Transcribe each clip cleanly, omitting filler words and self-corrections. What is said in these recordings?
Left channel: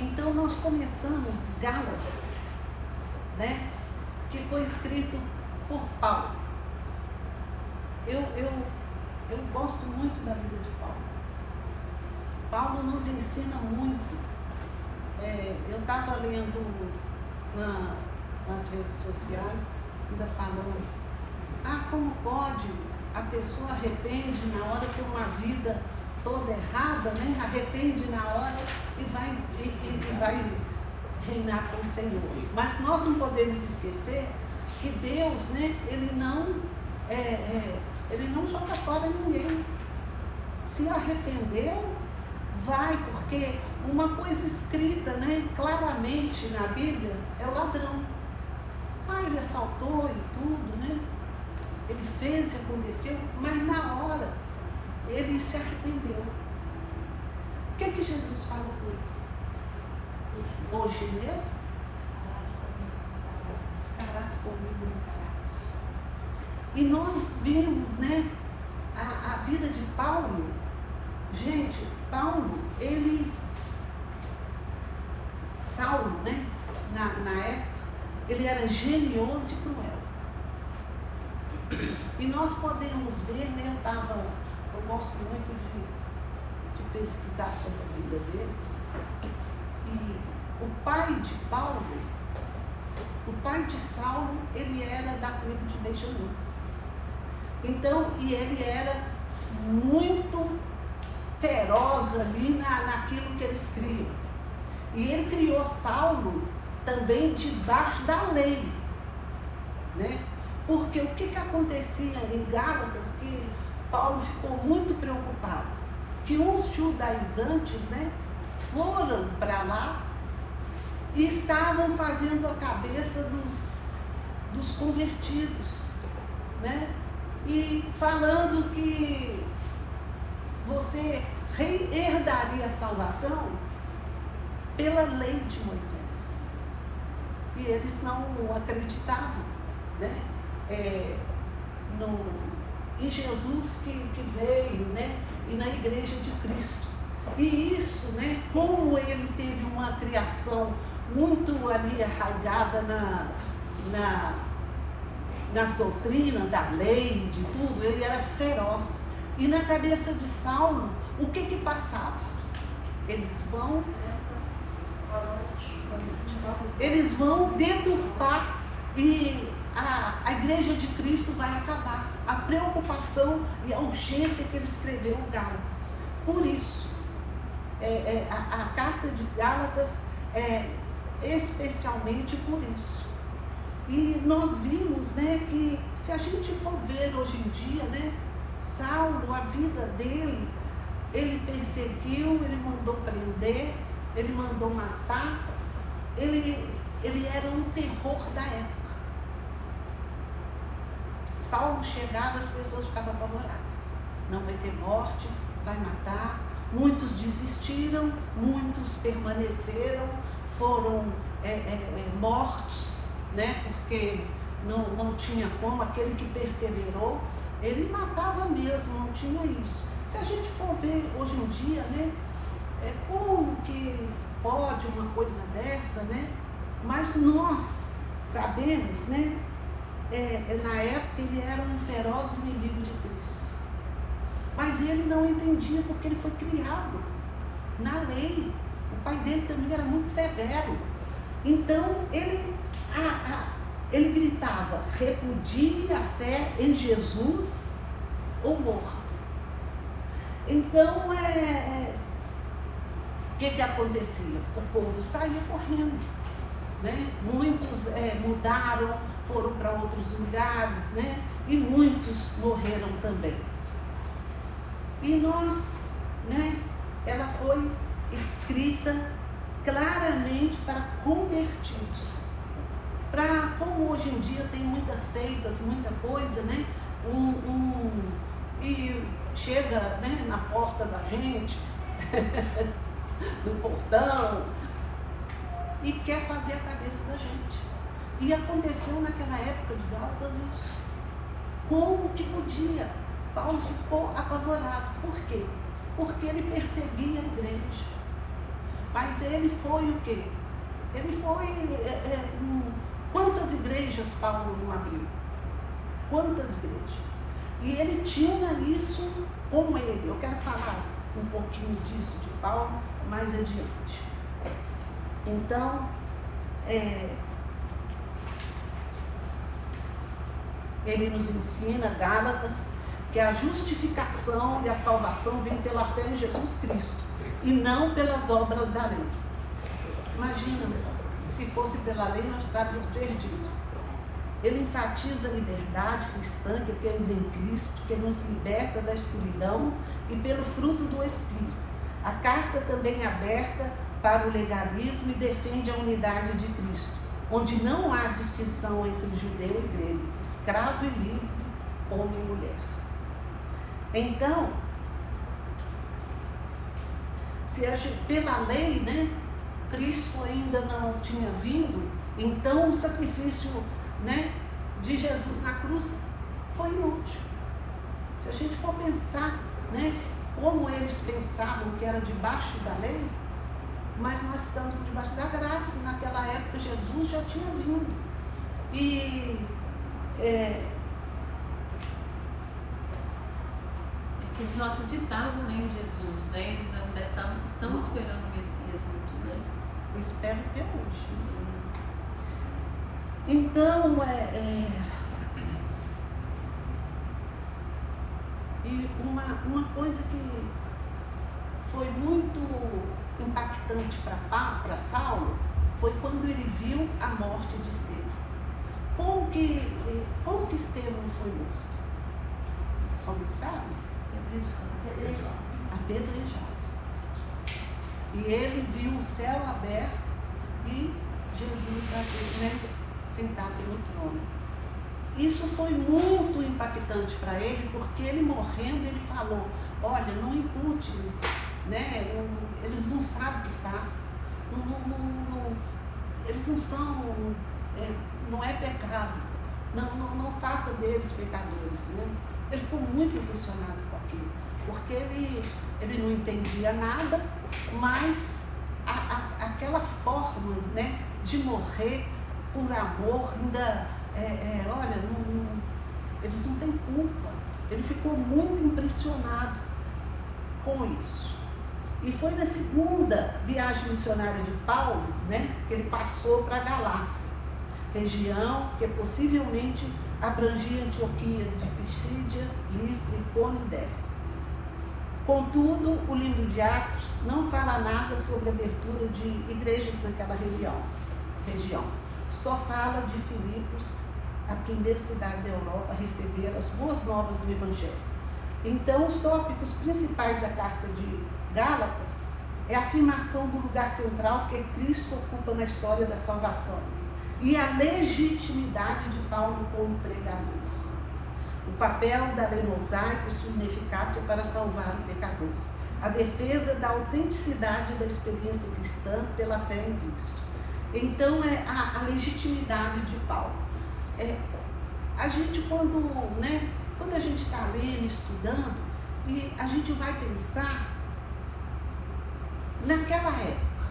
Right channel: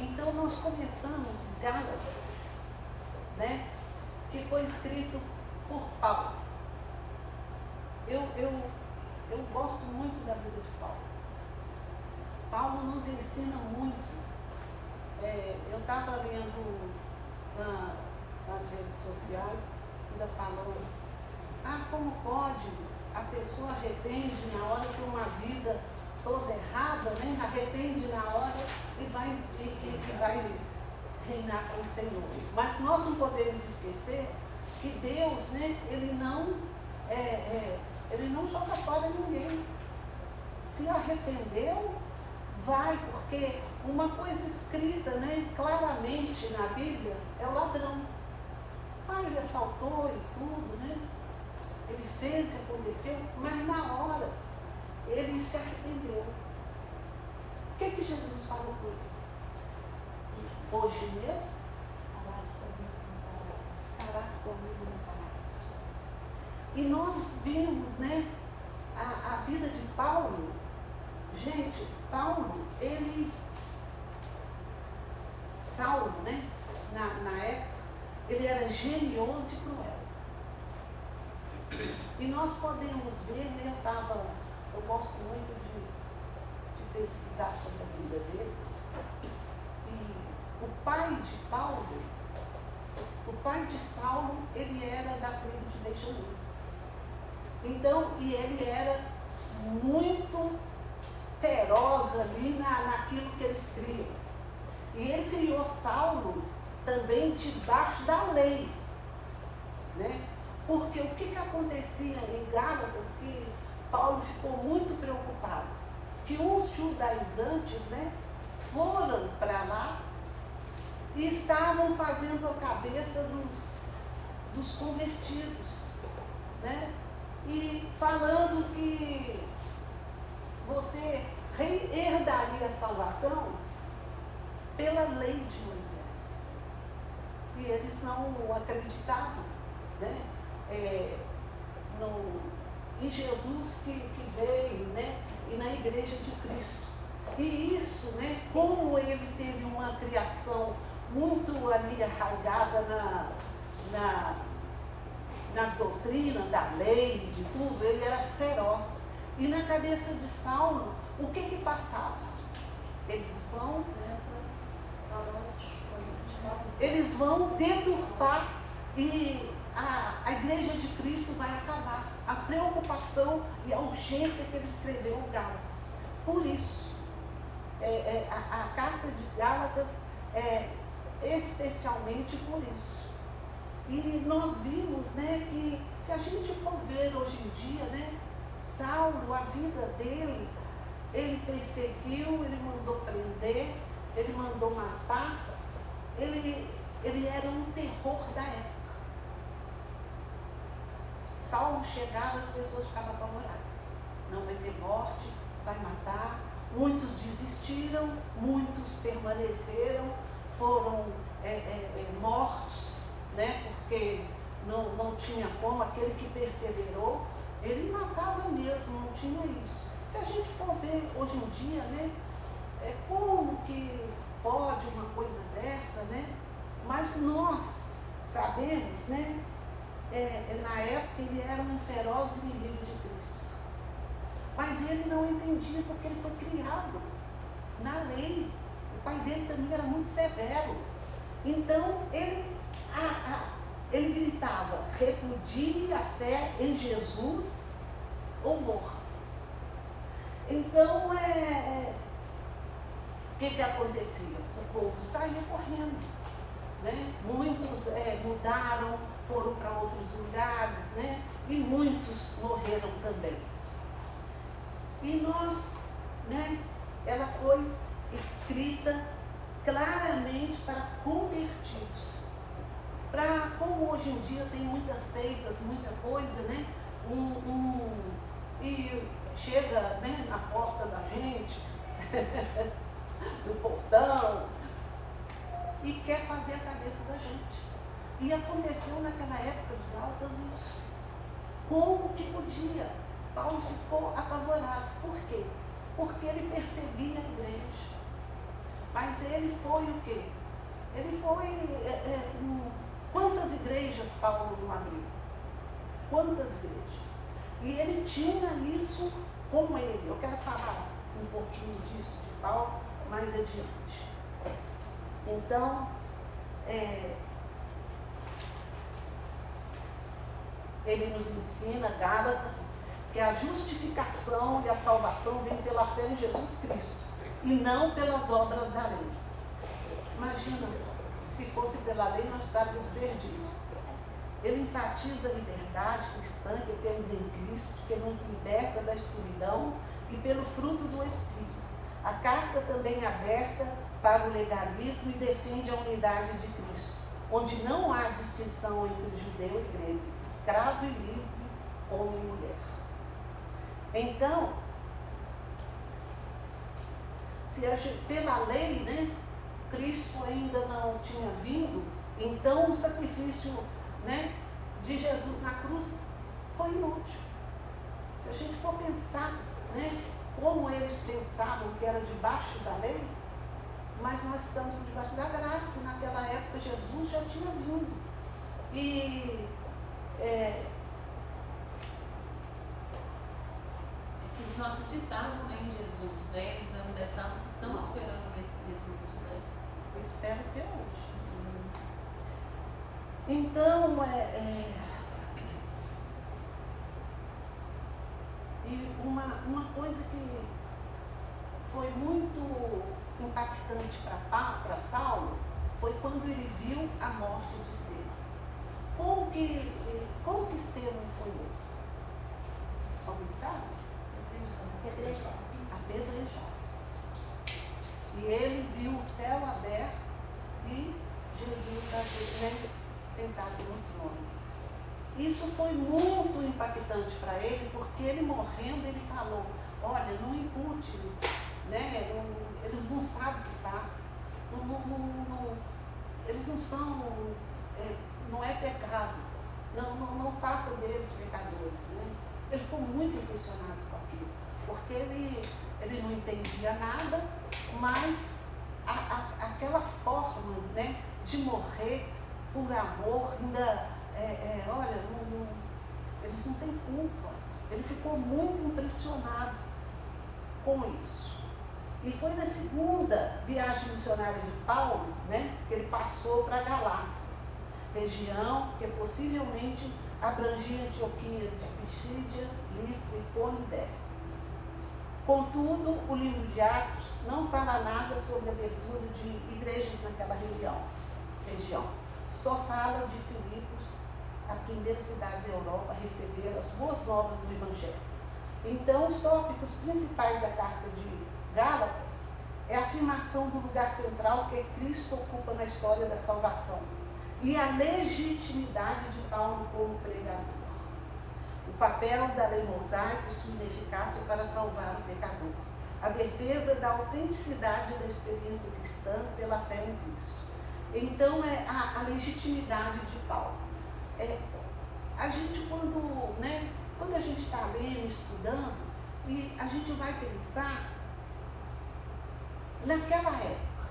Então nós começamos Gálatas, né? Que foi escrito por Paulo. Eu gosto muito da vida de Paulo. Paulo nos ensina muito. Eu estava lendo nas redes sociais, ainda falando, como pode a pessoa arrepende na hora que uma vida toda errada, né? Arrepende na hora e vai reinar com o Senhor. Mas nós não podemos esquecer que Deus, né? Ele não joga fora ninguém. Se arrependeu, vai, porque uma coisa escrita, né, claramente na Bíblia é o ladrão. Ele assaltou e tudo, né? Ele fez e aconteceu, mas na hora ele se arrependeu. O que Jesus falou com ele? Hoje mesmo estarás comigo no paraíso. E nós vimos, né, a vida de Paulo. Gente, Saulo, né, na época, ele era genioso e cruel. E nós podemos ver, né, eu gosto muito de pesquisar sobre a vida dele. E o pai de Saulo, ele era da tribo de Benjamim. Então, e ele era muito feroz ali naquilo que eles criam. E ele criou Saulo também debaixo da lei, né? Porque o que acontecia em Gálatas, que Paulo ficou muito preocupado, que uns judaizantes, né, foram para lá e estavam fazendo a cabeça dos convertidos, né? E falando que você herdaria a salvação pela lei de Moisés. E eles não acreditavam, né? Em Jesus que veio, né? E na igreja de Cristo. E isso, né? Como ele teve uma criação muito ali arraigada nas doutrinas da lei, de tudo, ele era feroz. E na cabeça de Saulo, o que passava? Eles vão deturpar e a igreja de Cristo vai acabar. A preocupação e a urgência que ele escreveu em Gálatas. Por isso, a carta de Gálatas é especialmente por isso. E nós vimos, né, que se a gente for ver hoje em dia, né, Saulo, a vida dele, ele perseguiu, ele mandou prender, ele mandou matar, ele era um terror da época. Saulo chegava, as pessoas ficavam apavoradas. Não vai ter morte, vai matar. Muitos desistiram, muitos permaneceram, foram mortos, né? Porque não tinha como, aquele que perseverou, ele matava mesmo, não tinha isso. Se a gente for ver hoje em dia, né? Como que pode uma coisa dessa, né? Mas nós sabemos, né? Na época ele era um feroz inimigo de Cristo. Mas ele não entendia porque ele foi criado na lei. O pai dele também era muito severo. Então ele gritava: repudie a fé em Jesus ou morra. Então, o que acontecia? O povo saía correndo, né? Muitos mudaram, foram para outros lugares, né? E muitos morreram também. E nós, né? Ela foi escrita claramente para convertidos. Como hoje em dia tem muitas seitas, muita coisa, né? E chega, né, na porta da gente, no portão, e quer fazer a cabeça da gente. E aconteceu naquela época de Gálatas isso. Como que podia? Paulo ficou apavorado. Por quê? Porque ele perseguia a igreja. Mas Mas ele foi o quê? Ele foi... quantas igrejas Paulo não abriu? Quantas igrejas? E ele tinha isso com ele. Eu quero falar um pouquinho disso de Paulo mais adiante. Então, ele nos ensina, Gálatas, que a justificação e a salvação vem pela fé em Jesus Cristo e não pelas obras da lei. Imagina, se fosse pela lei nós estaríamos perdidos. Ele enfatiza a liberdade cristã que temos em Cristo, que nos liberta da escuridão e pelo fruto do Espírito. A carta também é aberta para o legalismo e defende a unidade de Cristo, onde não há distinção entre judeu e grego, escravo e livre, homem e mulher. Então, pela lei, né, Cristo ainda não tinha vindo, então o sacrifício, né, de Jesus na cruz foi inútil. Se a gente for pensar, né, como eles pensavam que era debaixo da lei, mas nós estamos debaixo da graça, e naquela época Jesus já tinha vindo. E eles não acreditavam nem em Jesus, né? Eles estão esperando o Messias por tudo, né? Eu espero até hoje. Então, e uma coisa que foi muito impactante para Saulo foi quando ele viu a morte de Estevão. Como que Estevão foi morto? Alguém sabe? Apedrejado. E ele viu o céu aberto e Jesus, né, sentado no trono. Isso foi muito impactante para ele, porque ele morrendo, ele falou, olha, não impute-lhes, né? Eles não sabem o que faz, eles não são, não é pecado, não faça deles pecadores, né? Ele ficou muito impressionado com aquilo, porque ele não entendia nada, mas aquela forma, né, de morrer por amor, ainda, olha, eles não têm culpa. Ele ficou muito impressionado com isso. E foi na segunda viagem missionária de Paulo, né, que ele passou para a Galácia, região que possivelmente abrangia Antioquia de Pisídia, Listra, Icônio e Derbe. Contudo, o livro de Atos não fala nada sobre a abertura de igrejas naquela região. Só fala de Filipos, a primeira cidade da Europa a receber as boas novas do Evangelho. Então, os tópicos principais da carta de Gálatas é a afirmação do lugar central que Cristo ocupa na história da salvação e a legitimidade de Paulo como pregador. O papel da lei mosaica e sua ineficácia para salvar o pecador. A defesa da autenticidade da experiência cristã pela fé em Cristo. Então, a legitimidade de Paulo. A gente, quando a gente está lendo, estudando, e a gente vai pensar, naquela época,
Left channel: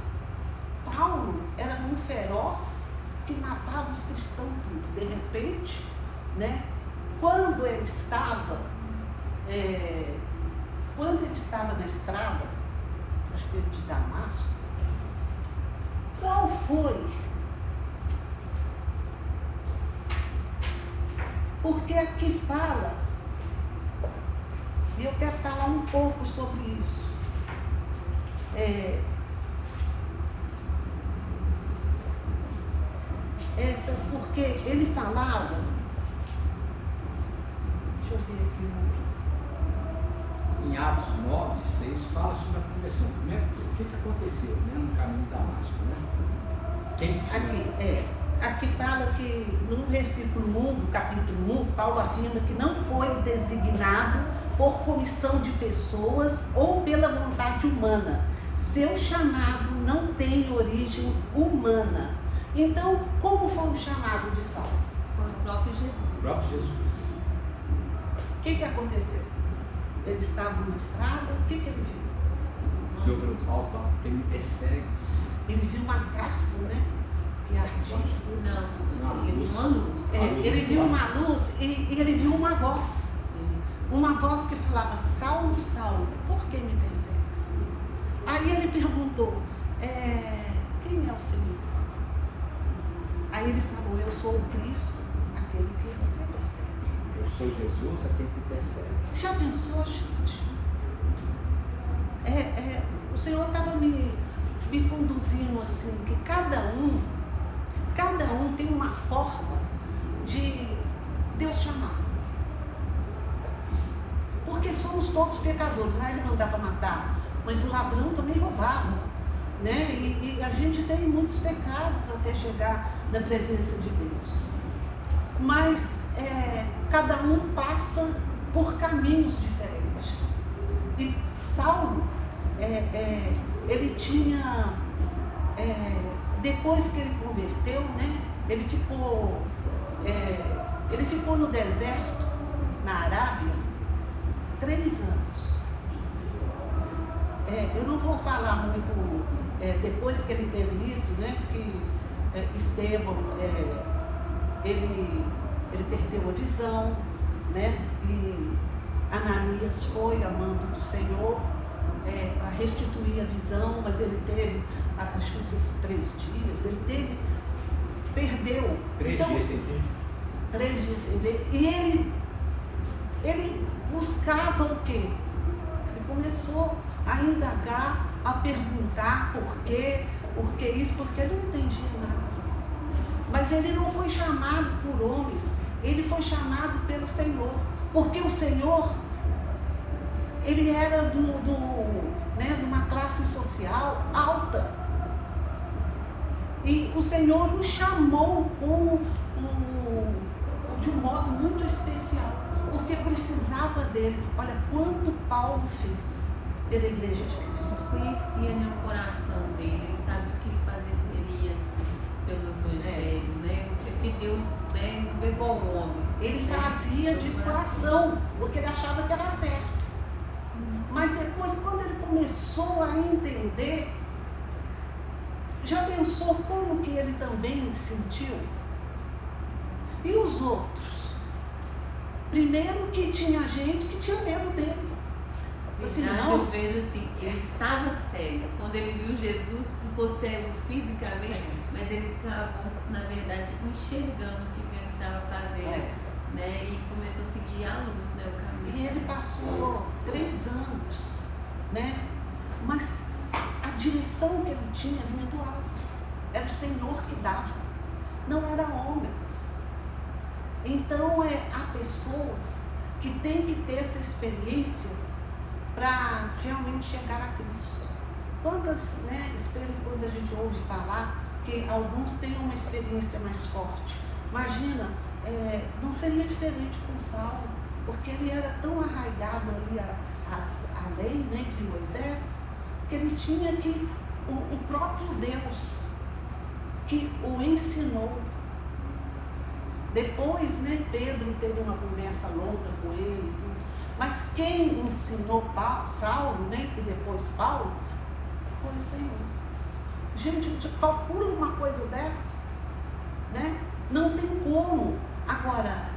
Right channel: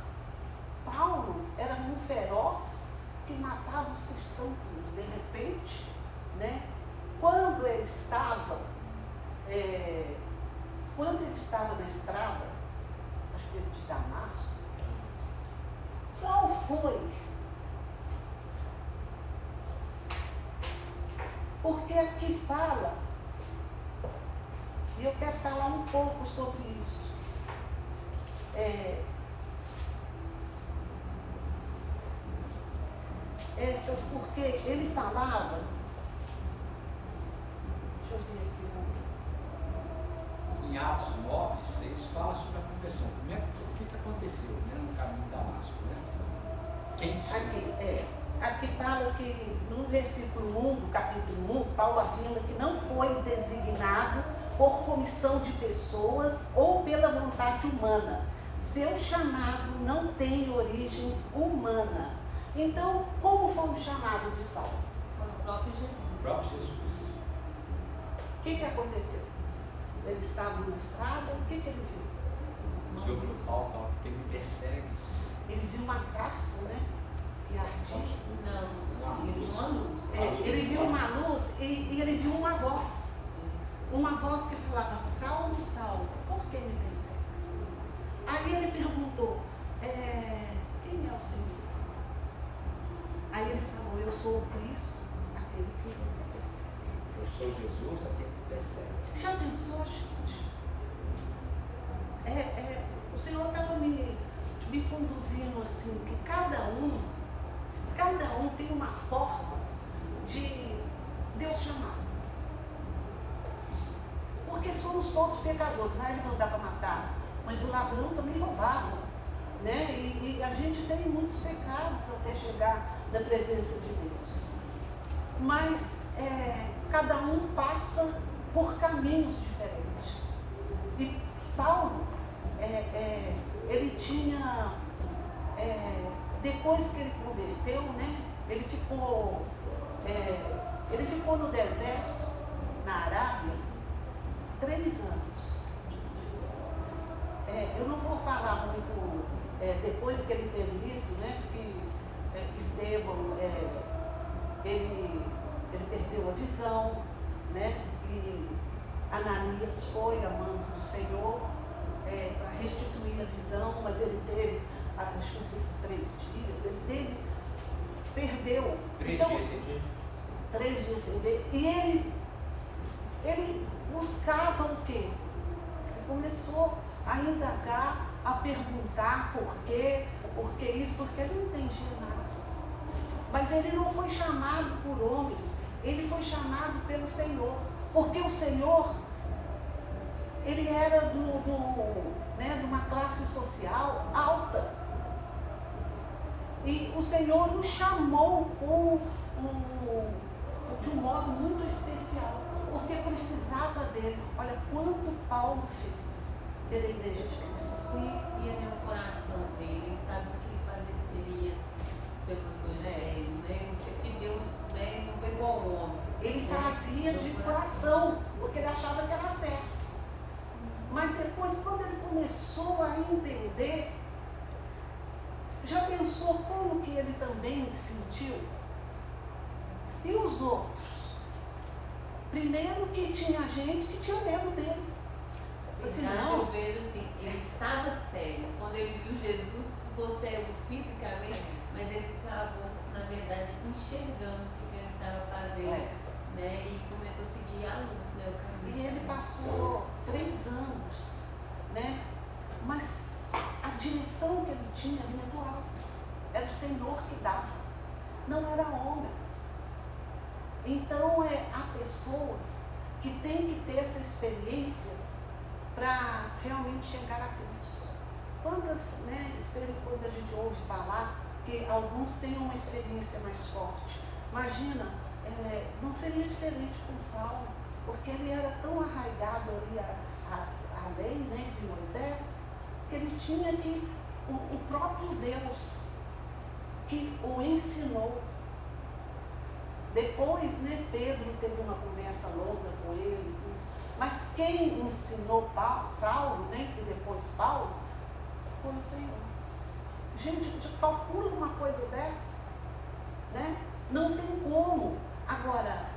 Paulo era um feroz que matava os cristãos tudo. De repente, né, quando ele estava na estrada, acho que de Damasco, qual foi? Porque aqui fala, e eu quero falar um pouco sobre isso. Porque ele falava, deixa eu ver aqui. Em Atos 9, 6, fala sobre a conversão. Primeiro, o que aconteceu, né, no caminho de Damasco, né? Aqui fala que no versículo 1 do capítulo 1, Paulo afirma que não foi designado por comissão de pessoas ou pela vontade humana. Seu chamado não tem origem humana. Então, como foi o chamado de Saulo? Foi o próprio Jesus. O próprio Jesus. O que aconteceu? Ele estava na estrada, o que ele viu? O Senhor falou, Paulo, quem me persegue, uma sarça, né? Que ardia. Não, ele viu uma luz. Ele viu uma luz e ele viu uma voz. Uma voz que falava: Saulo, Saulo, por que me persegues? Aí ele perguntou: quem é o Senhor? Aí ele falou: eu sou o Cristo, aquele que você persegue. Eu sou Jesus, aquele que persegue. Já pensou, gente? O Senhor estava me conduzindo assim, que cada um tem uma forma de Deus chamar. Porque somos todos pecadores. Ele mandava matar, mas o ladrão também roubava, né? E a gente tem muitos pecados até chegar na presença de Deus. Mas cada um passa por caminhos diferentes. E Saulo, ele tinha, depois que ele converteu, né? Ele ficou no deserto, na Arábia, 3 anos. Eu não vou falar muito depois que ele teve isso, né? Que Estevão, ele perdeu a visão, né? E Ananias foi a mando do Senhor para restituir a visão, mas ele teve, acho que não sei se 3 dias, perdeu. 3 então, dias sem ver. 3 dias sem ver. E ele buscava o quê? Ele começou a indagar, a perguntar por que isso, porque ele não entendia nada. Mas ele não foi chamado por homens, ele foi chamado pelo Senhor, porque o Senhor, ele era de uma classe social alta. E o Senhor o chamou de um modo muito especial, porque precisava dele. Olha quanto Paulo fez pela Igreja de Cristo. Conhecia no coração dele, ele sabe o que ele padeceria pelo Evangelho, né? O que Deus levou ao homem. Ele fazia de coração, porque ele achava que era certo. Mas depois, quando ele começou a entender, já pensou como que ele também sentiu? E os outros? Primeiro que tinha gente que tinha medo dele. Assim, não. Eu vejo assim, ele estava cego. Quando ele viu Jesus, ficou cego fisicamente, mas ele acabou, na verdade, enxergando o que Deus estava fazendo. Né? E começou a seguir a luz. Né? E ele passou 3 anos, né? Mas a direção que ele tinha vinha do alto. Era o Senhor que dava, não eram homens. Então há pessoas que têm que ter essa experiência para realmente chegar a Cristo. Quando a gente ouve falar que alguns têm uma experiência mais forte. Imagina, não seria diferente com Saulo, porque ele era tão arraigado ali a lei, né, de Moisés, que ele tinha que o próprio Deus que o ensinou. Depois, né, Pedro teve uma conversa longa com ele, mas quem ensinou Saulo, né, que depois Paulo, foi o Senhor. Gente, calcula uma coisa dessa, né? Não tem como. Agora,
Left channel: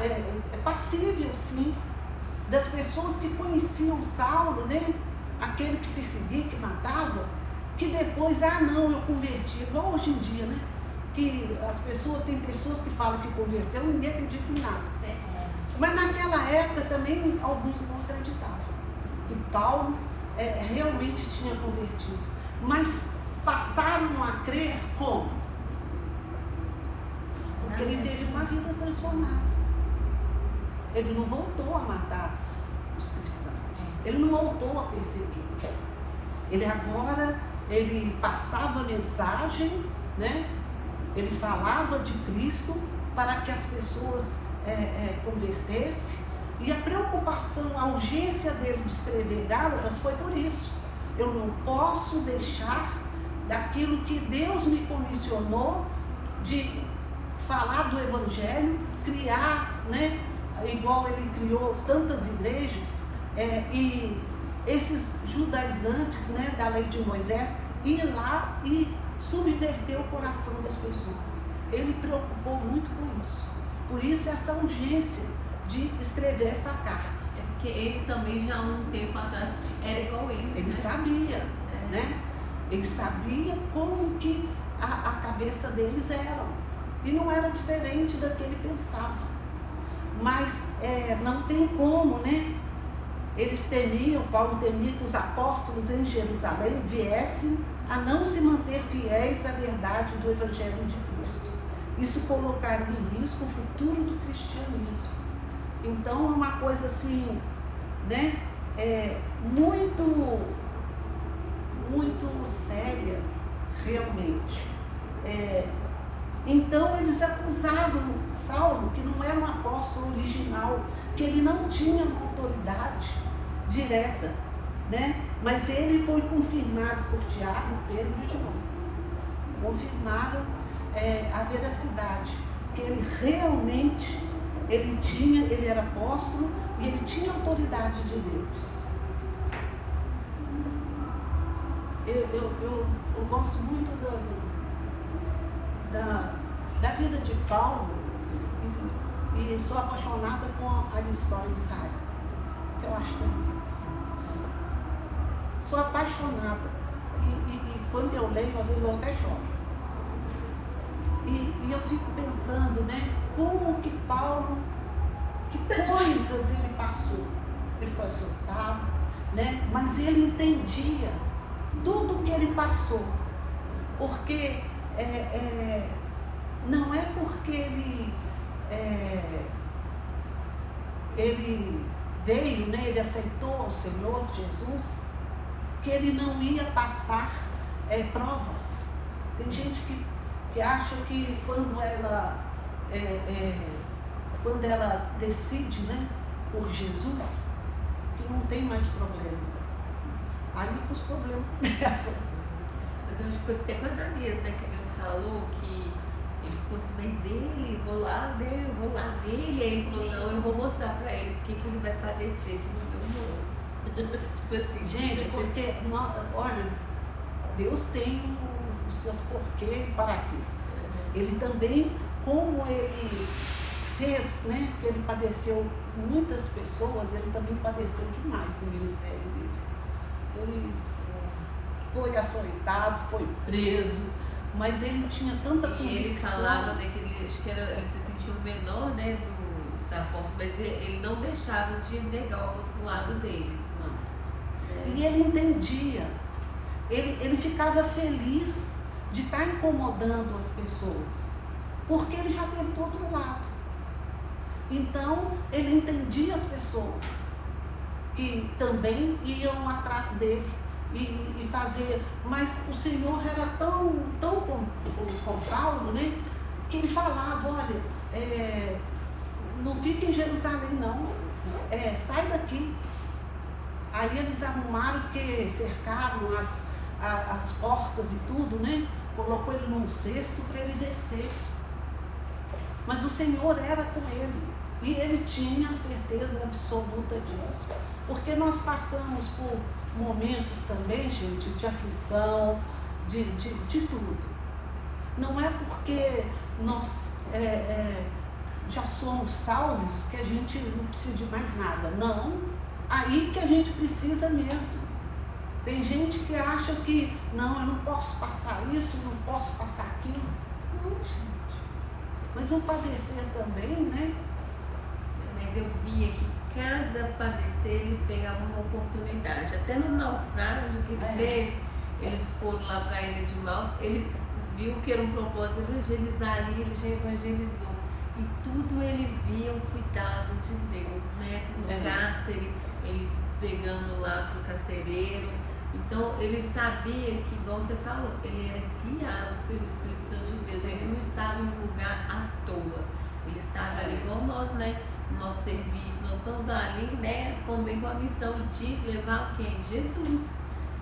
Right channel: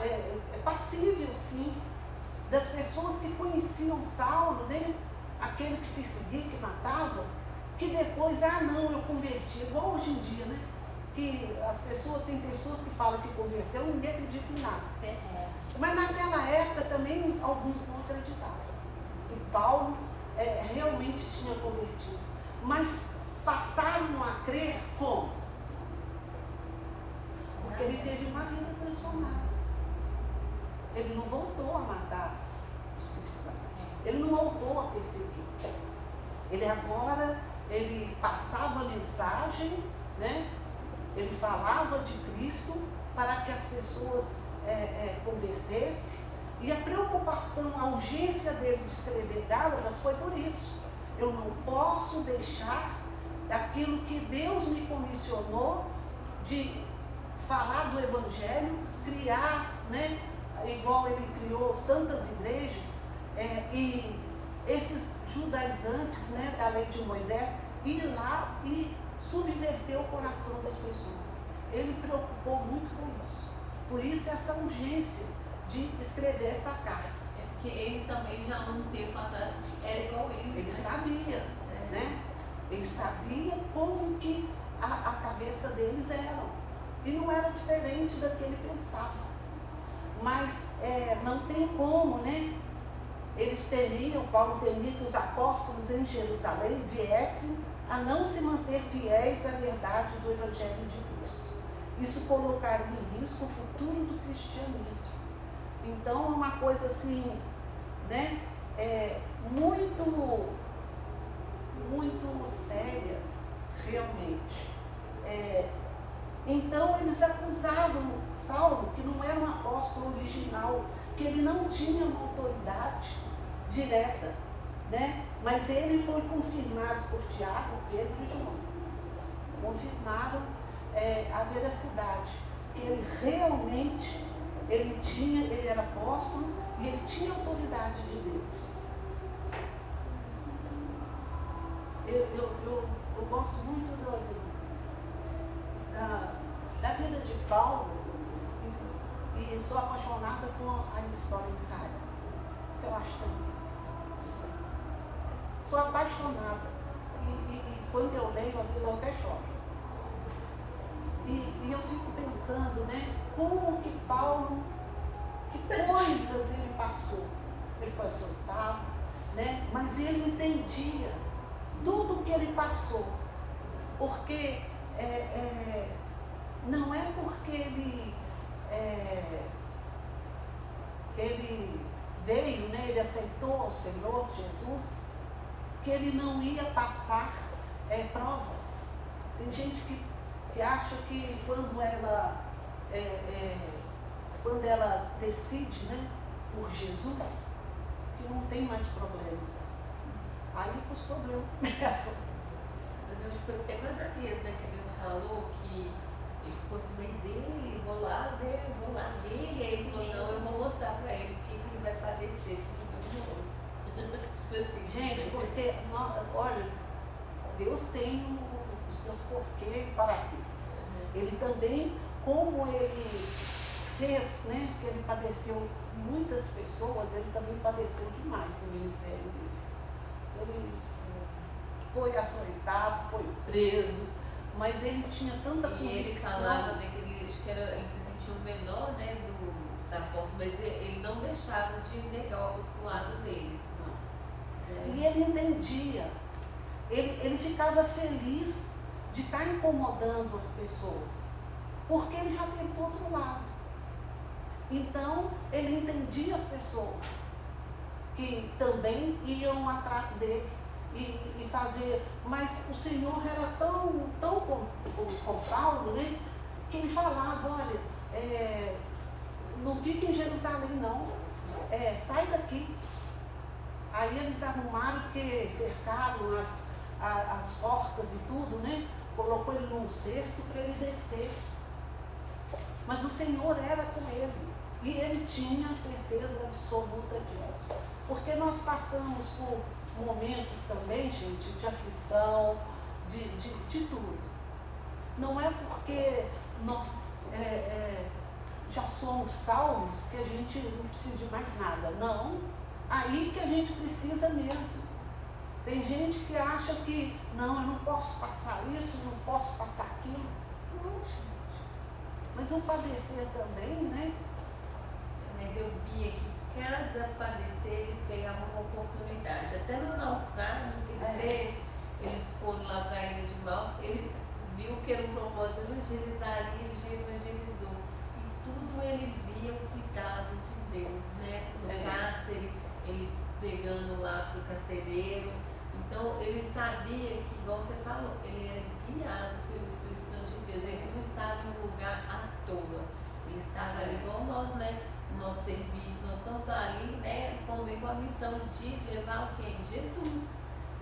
é passível sim, das pessoas que conheciam Saulo, né, aquele que perseguia, que matava, que depois, não, eu converti, igual hoje em dia, né? Que tem pessoas que falam que converteu, ninguém acredita em nada. Mas naquela época também alguns não acreditavam. E Paulo realmente tinha convertido. Mas passaram a crer como? Porque ele teve uma vida transformada. Ele não voltou a matar os cristãos. Ele não voltou a perseguir. Ele passava a mensagem, né? Ele falava de Cristo para que as pessoas convertessem. E a preocupação, a urgência dele de escrever Gálatas foi por isso. Eu não posso deixar daquilo que Deus me comissionou de falar do Evangelho, criar, né? Igual ele criou tantas igrejas, e esses judaizantes, né, da lei de Moisés, ir lá e subverter o coração das pessoas. Ele preocupou muito com isso. Por isso essa urgência de escrever essa carta. É porque ele também já há um tempo atrás era igual ele. Ele sabia, né? Ele sabia como que a cabeça deles era. E não era diferente da que ele pensava. Mas não tem como, né? Eles temiam, Paulo temia que os apóstolos em Jerusalém viessem a não se manter fiéis à verdade do Evangelho de Cristo. Isso colocaria em risco o futuro do cristianismo. Então é uma coisa assim, né? Muito séria, realmente. Então eles acusavam Saulo, que não era um apóstolo original, que ele não tinha uma autoridade direta, né? Mas ele foi confirmado por Tiago, Pedro e João. Confirmaram a veracidade, que ele realmente, ele era apóstolo e ele tinha autoridade de Deus. Eu gosto muito da vida de Paulo e sou apaixonada com a história de Israel, que eu acho também. Sou apaixonada e quando eu leio, às vezes eu até choro. E eu fico pensando, né, como que Paulo, que coisas ele passou. Ele foi açoitado, né, mas ele entendia tudo o que ele passou, porque não é porque ele veio, né, ele aceitou o Senhor Jesus, que ele não ia passar provas. Tem gente que acha que quando ela decide, né, por Jesus, que não tem mais problema. Aí que os problemas começam. Mas a gente foi até para Ananias, né, que Deus falou que ele ficou assim, mas dele, vou lá dele. Aí ele falou, não, eu vou mostrar para ele o que ele vai padecer de meu novo. Tipo assim, gente, porque, olha, Deus tem os seus porquês para quê. Ele também, como ele fez, né, que ele padeceu muitas pessoas, ele também padeceu demais no ministério dele. Ele foi açoitado, foi preso, mas ele tinha tanta convicção. Ele falava, né, que ele se sentiu menor, né, dos apóstolos, mas ele não deixava de negar o lado dele. Não. E ele entendia, ele ficava feliz de estar incomodando as pessoas, porque ele já teve do outro lado. Então, ele entendia as pessoas que também iam atrás dele e fazer, mas o Senhor era tão com Paulo, né, que ele falava, olha, não fica em Jerusalém não, sai daqui. Aí eles arrumaram, porque cercaram as portas e tudo, né, colocou ele num cesto para ele descer. Mas o Senhor era com ele e ele tinha a certeza absoluta disso. Porque nós passamos por momentos também, gente, de aflição, de tudo. Não é porque nós já somos salvos que a gente não precisa de mais nada. Não, aí que a gente precisa mesmo. Tem gente que acha que, não, eu não posso passar isso, não posso passar aquilo. Não, gente. Mas o padecer também, né? Mas eu via que cada padecer ele pegava uma oportunidade. Até no naufrágio que eles foram lá para a ilha de Malta, ele viu que era um propósito evangelizar ali, ele já evangelizou. E tudo ele via o cuidado de Deus, né? No cárcere, ele pegando lá para o carcereiro. Então ele sabia que, como você falou, ele era guiado pelo Espírito Santo de Deus. Ele não estava em um lugar à toa. Ele estava ali como nós, né? No nosso serviço. Nós estamos ali, né? Também com a missão de levar quem? Jesus.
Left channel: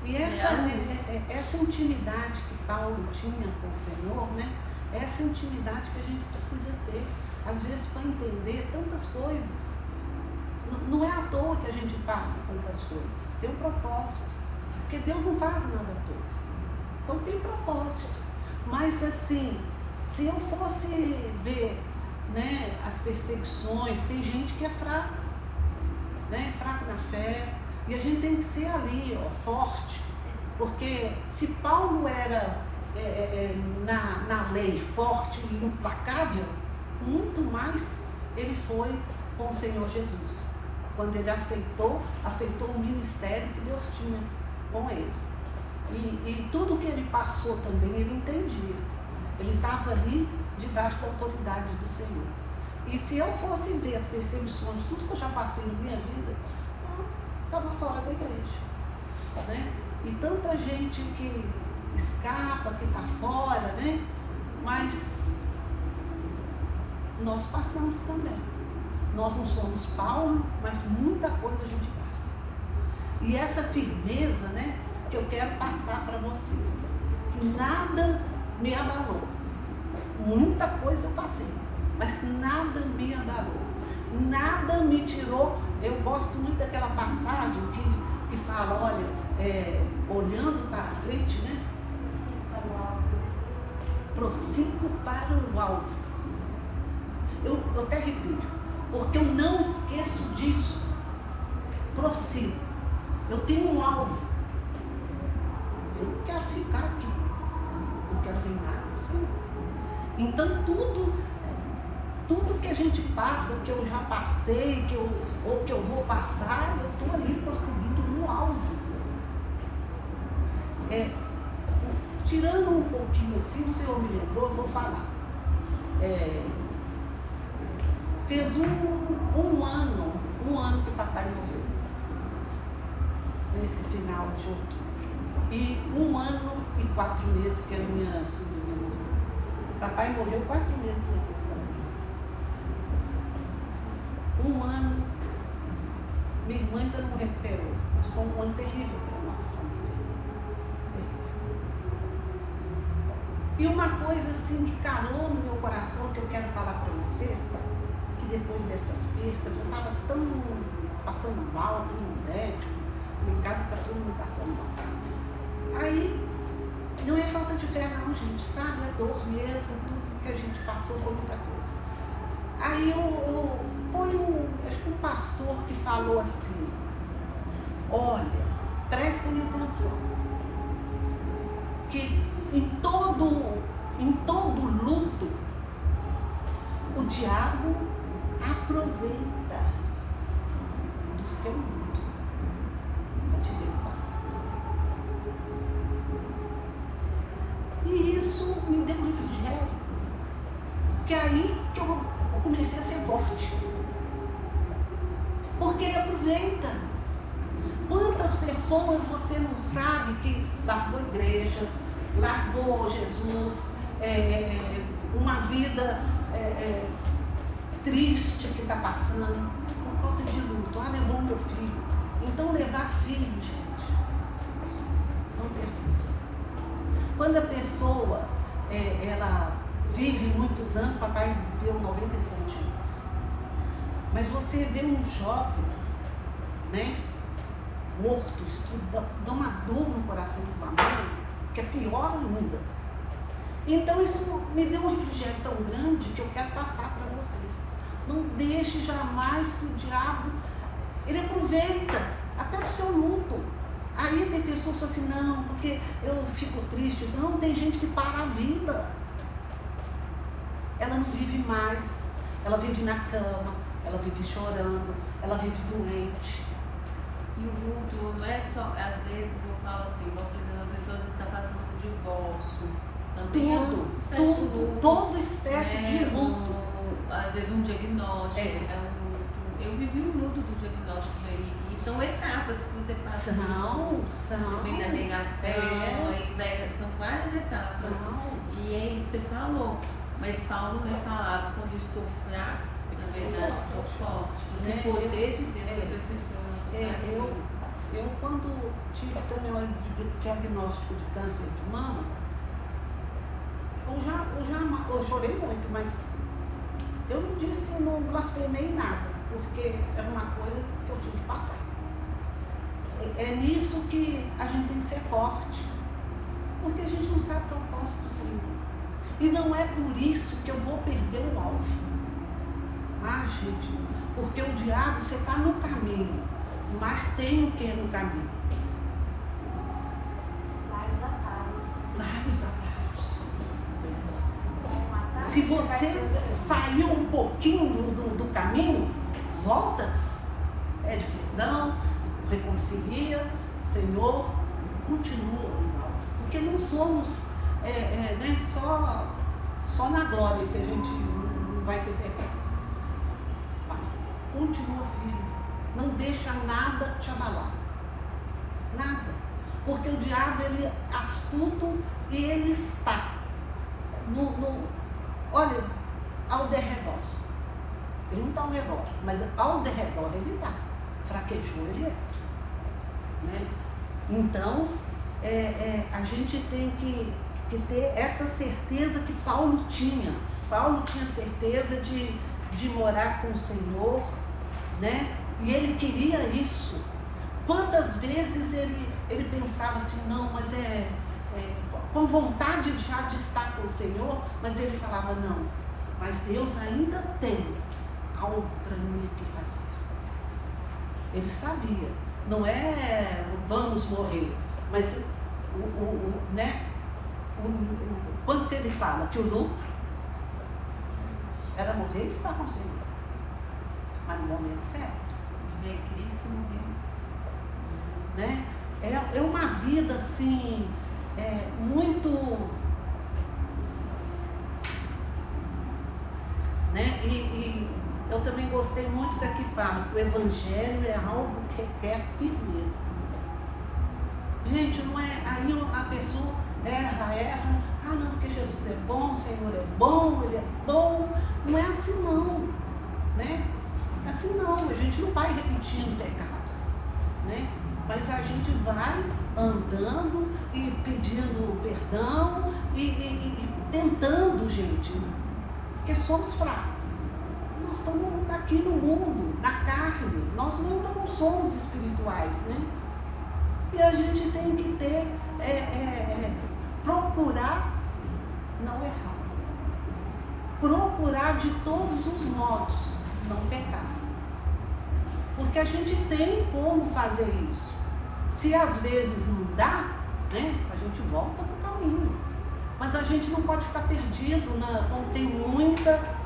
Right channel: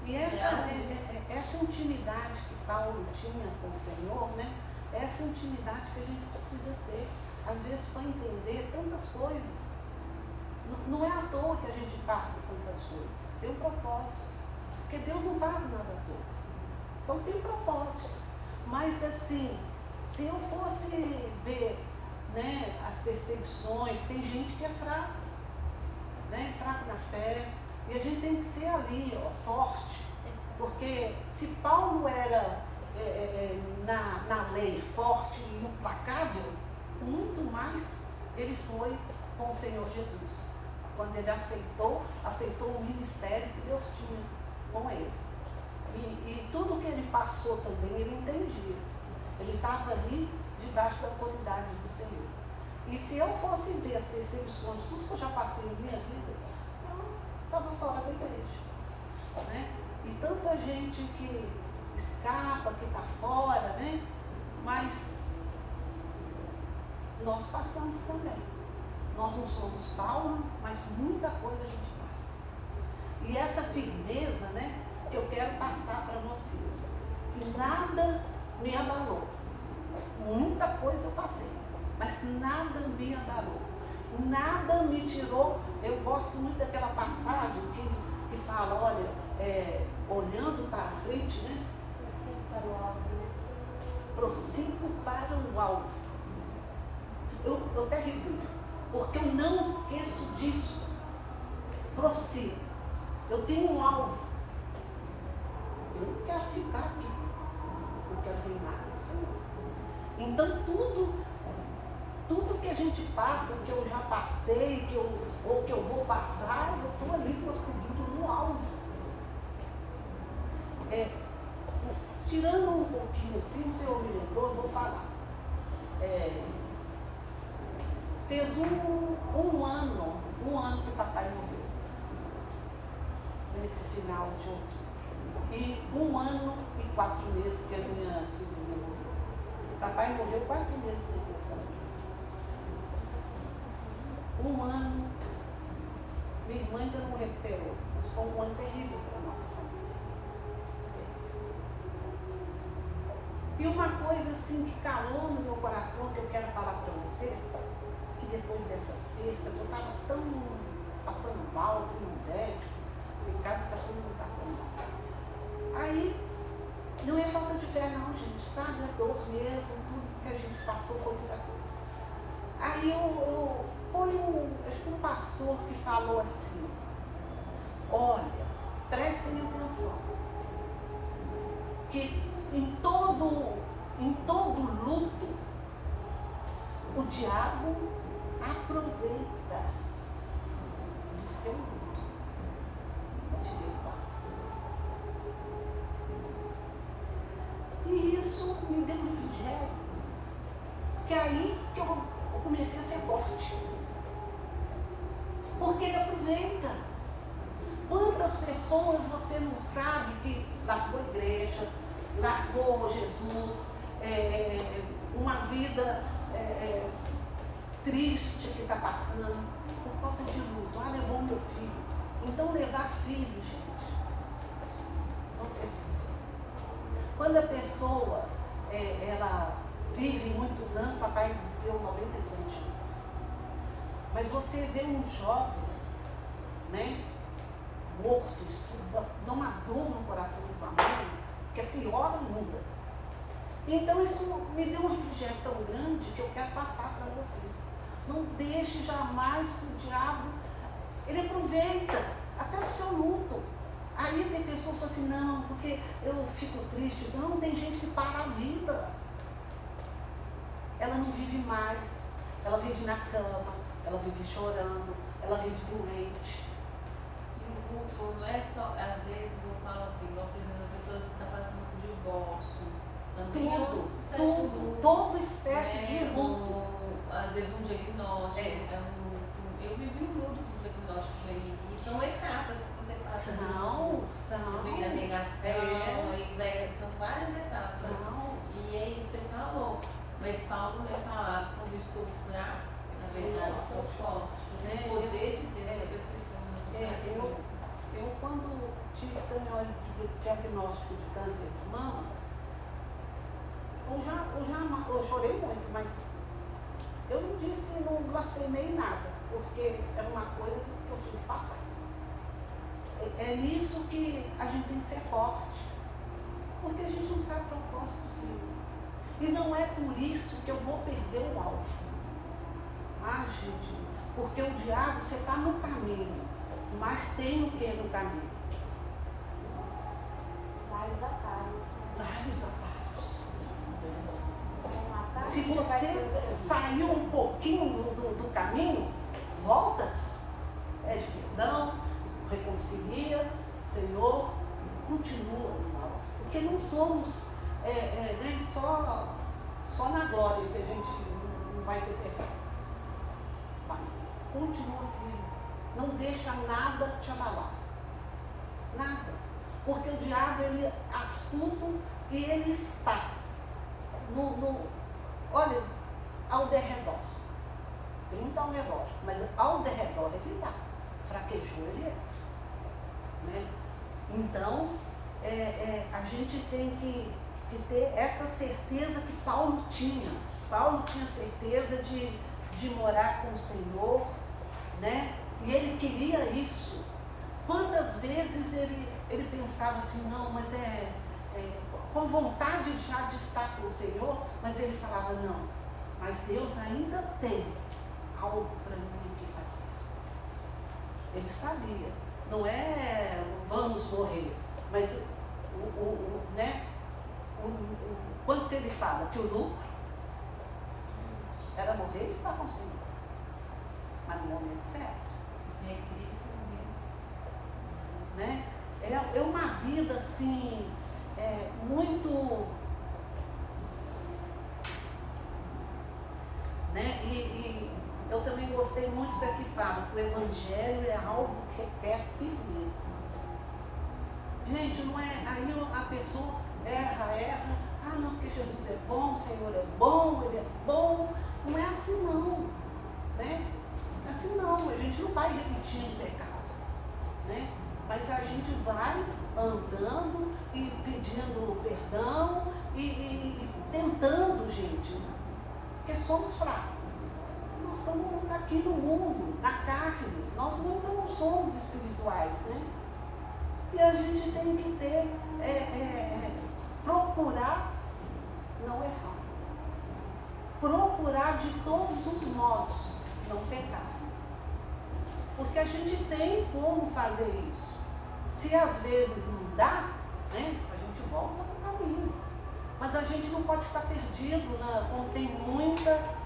E essa intimidade que Paulo tinha com o Senhor, né? Essa intimidade que a gente precisa ter, às vezes, para entender tantas coisas. Não é à toa que a gente passa tantas coisas. Tem um propósito. Porque Deus não faz nada à toa. propósito. Mas assim, se eu fosse ver, né, as perseguições, tem gente que é fraco, né, fraco na fé, e a gente tem que ser ali, ó, forte, porque se Paulo era na lei forte e implacável, muito mais ele foi com o Senhor Jesus, quando ele aceitou o ministério que Deus tinha com ele. E tudo que ele passou também, ele entendia. Ele estava ali debaixo da autoridade do Senhor. E se eu fosse ver as perseguições, tudo que eu já passei na minha vida, eu estava fora da igreja, né? E tanta gente que escapa, que está fora, né? Mas nós passamos também. Nós não somos Paulo, mas muita coisa a gente passa. E essa firmeza, né, que eu quero passar para vocês, que nada me abalou. Muita coisa eu passei, mas nada me abalou. Nada me tirou. Eu gosto muito daquela passagem que fala, olha, olhando para a frente, né? Prossigo para o alvo. Eu até repito, porque eu não esqueço disso. Prossigo. Eu tenho um alvo. Eu não quero ficar aqui. Eu quero reinar com o Senhor. Então tudo que a gente passa, que eu já passei, ou que eu vou passar, eu estou ali prosseguindo no alvo. Tirando um pouquinho assim, o Senhor me lembrou, eu vou falar. Fez um ano que papai morreu, nesse final de outubro. E 1 ano e 4 meses que a minha sobrinha morreu. Papai morreu 4 meses depois da minha. 1 ano, minha irmã ainda não recuperou, mas foi um ano terrível para a nossa família. E uma coisa assim que calou no meu coração, que eu quero falar para vocês, que depois dessas percas, eu estava tão passando mal, fui no médico, em casa está todo mundo passando mal. Aí, não é falta de fé não, gente, sabe? É dor mesmo, tudo que a gente passou foi muita coisa. Aí acho que um pastor que falou assim, olha, prestem atenção, que em todo luto, o diabo aproveita do seu luto para te derrubar. E isso me deu um refrigério, que aí que eu comecei a ser forte. Porque ele aproveita. Quantas pessoas você não sabe que largou a igreja, largou Jesus, uma vida triste que está passando por causa de luto. Levou meu filho. Então levar filho, gente, não tem. Quando a pessoa ela vive muitos anos, papai viveu 97 anos. Mas você vê um jovem, né, morto, isso dá uma dor no coração do família, que é pior ainda. Então isso me deu um refrigério tão grande que eu quero passar para vocês. Não deixe jamais que o diabo, ele aproveita até o seu luto. Aí tem pessoas que falam assim, não, porque eu fico triste. Não, tem gente que para a vida. Ela não vive mais, ela vive na cama, ela vive chorando, ela vive doente. E o luto não é só, às vezes eu falo assim, uma pessoa está passando por divórcio. Toda espécie de luto. Às vezes um diagnóstico. Eu vivi o luto do diagnóstico e são etapas que você passa. São. Vem a negação, aí são várias etapas. E é isso que você falou. Mas Paulo vai falar, quando estou fraco, na verdade estou forte. O poder de Deus aperfeiçoa. Eu quando tive também o diagnóstico de câncer de mama, eu chorei muito, mas eu não disse, não blasfemei nada, porque era uma coisa que eu tive que passar. É nisso que a gente tem que ser forte, porque a gente não sabe o propósito do Senhor. E não é por isso que eu vou perder o alvo. Ah, gente, porque o diabo, você está no caminho, mas tem o que no caminho? Vários atalhos. Se você saiu um pouquinho do caminho, volta, pede perdão, reconcilia, Senhor, continua no alvo. Porque não somos né, só na glória que a gente não vai ter pecado. Mas continua firme. Não deixa nada te abalar. Nada. Porque o diabo, ele é astuto e ele está olha, ao derredor. Ele não está ao redor, mas ao derredor ele está. Fraquejou, ele entra. Né? Então, a gente tem que ter essa certeza que Paulo tinha. Paulo tinha certeza de morar com o Senhor, né? E ele queria isso. Quantas vezes ele pensava assim, não, mas com vontade já de estar com o Senhor, mas ele falava, não, mas Deus ainda tem algo para mim que fazer. Ele sabia, não é vamos morrer, mas né, quando que ele fala que o lucro era morrer e estar com o Senhor, mas no momento certo. Ver Cristo morrendo. Né? É uma vida assim, muito, né? E eu também gostei muito que aqui fala que o Evangelho é algo que requer firmeza. Gente, não é, aí a pessoa erra, ah não, porque Jesus é bom, o Senhor é bom, Ele é bom. Não é assim não, né? Assim não, a gente não vai repetindo pecado, né? Mas a gente vai andando e pedindo perdão e tentando, gente, porque somos fracos. Nós estamos aqui no mundo, na carne, nós não somos espirituais, né? E a gente tem que ter, procurar não errar. Procurar de todos os modos não pecar. Porque a gente tem como fazer isso. Se às vezes não dá, né, a gente volta para o caminho. Mas a gente não pode ficar perdido, como tem